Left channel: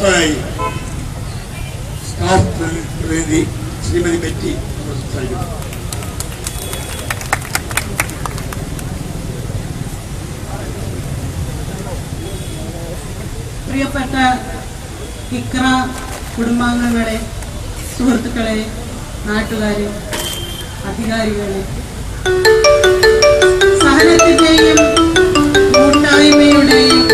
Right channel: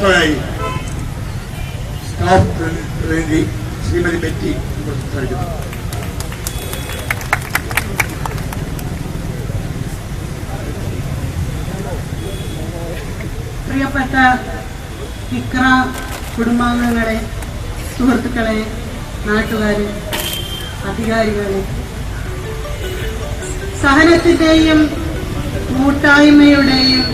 അടുത്തതായി സ്റ്റാഫ് പ്രതിനിധി ശ്രീമതി ബെറ്റി സംസാരിക്കുന്നു. പ്രിയപ്പെട്ട ഇക്ര കുടുംബാംഗങ്ങളെ, സുഹൃത്തുക്കളെ, നാട്ടുകാരെ, അധികാരികളെ, സഹനത്തിന്റെയും കൂട്ടായ്മയുടെയും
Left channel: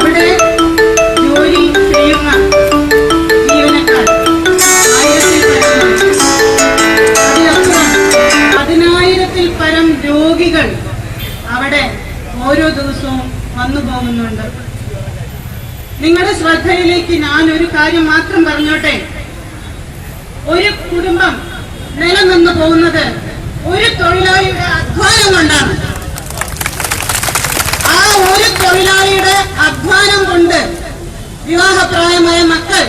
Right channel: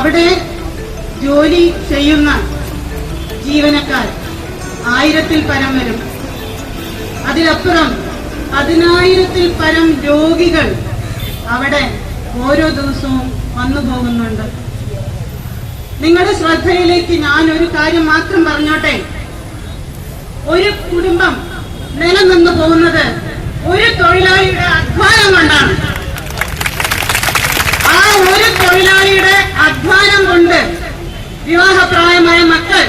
അവിടെ ജോലി ചെയ്യുന്ന ജീവനക്കാർ 1000-ൽ പരം, അതിലപ്പുറം 10,000-ൽ പരം രോഗികൾ അവിടെ ഓരോ ദിവസവും വന്നു പോകുന്നുണ്ട്. നിങ്ങളുടെ ശ്രദ്ധയിലേക്ക് ഞാൻ ഒരു കാര്യം മാത്രം പറഞ്ഞോട്ടെ. ഒരു കുടുംബം നിലനിന്നു പോകുന്നത് ഒരു തൊഴിലാളിയുടെ അധ്വാനം കൊണ്ടാണ്. ആ ഒരു തൊഴിലാളിയുടെ അധ്വാനം കൊണ്ട് വിവാഹപ്രായമായ മക്കൾ,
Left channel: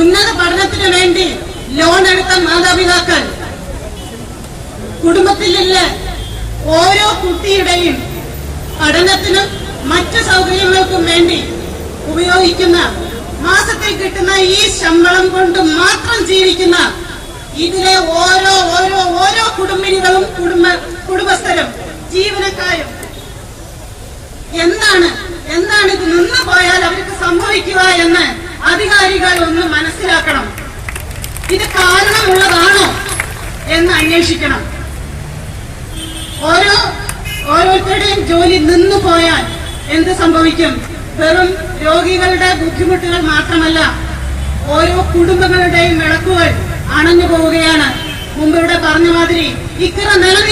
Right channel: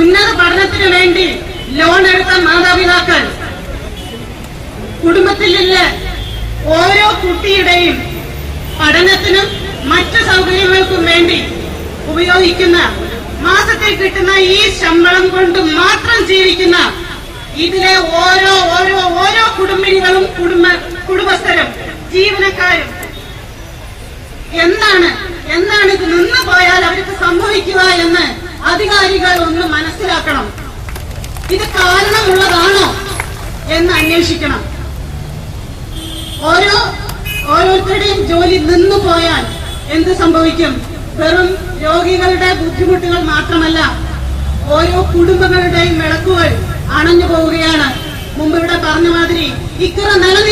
ഉന്നത പഠനത്തിന് വേണ്ടി ലോൺ എടുത്ത മാതാപിതാക്കൾ, കുടുംബത്തിലുള്ള ഓരോ കുട്ടിയുടെയും പഠനത്തിനും മറ്റു സൗകര്യങ്ങൾക്കും വേണ്ടി ഉപയോഗിക്കുന്ന മാസത്തിൽ കിട്ടുന്ന ഈ ശമ്പളം കൊണ്ട് മാത്രം ജീവിക്കുന്ന ഇതിലെ ഓരോ ഓരോ ഓരോ കുടുംബിനികളും കുടുംബസ്ഥരും ജീവനക്കാരും എന്താണ് ഇത് നിന്നു പോയാൽ അവർക്ക് സംഭവിക്കുക എന്ന് അധികാരികൾ ഒന്ന് മനസ്സിലാക്കണം. ഇത് കാരണമുള്ളതാണോ എന്ന് അന്വേഷിക്കണം. ഓരോരുത്തരുടെയും ജോലി നിന്നു പോയാൽ എന്ത് സംഭവിക്കും? വെറും രോഗികളുടെ ബുദ്ധിമുട്ടുകൾ മാത്രമല്ല, ഓരോ കുടുംബങ്ങളുടെയും വിളക്കുകൾ അണഞ്ഞു പോവുകയാണ്. മുമ്പിവിടെ പറഞ്ഞ മാതിരി ഇക്കറ നിലനിൽക്കും.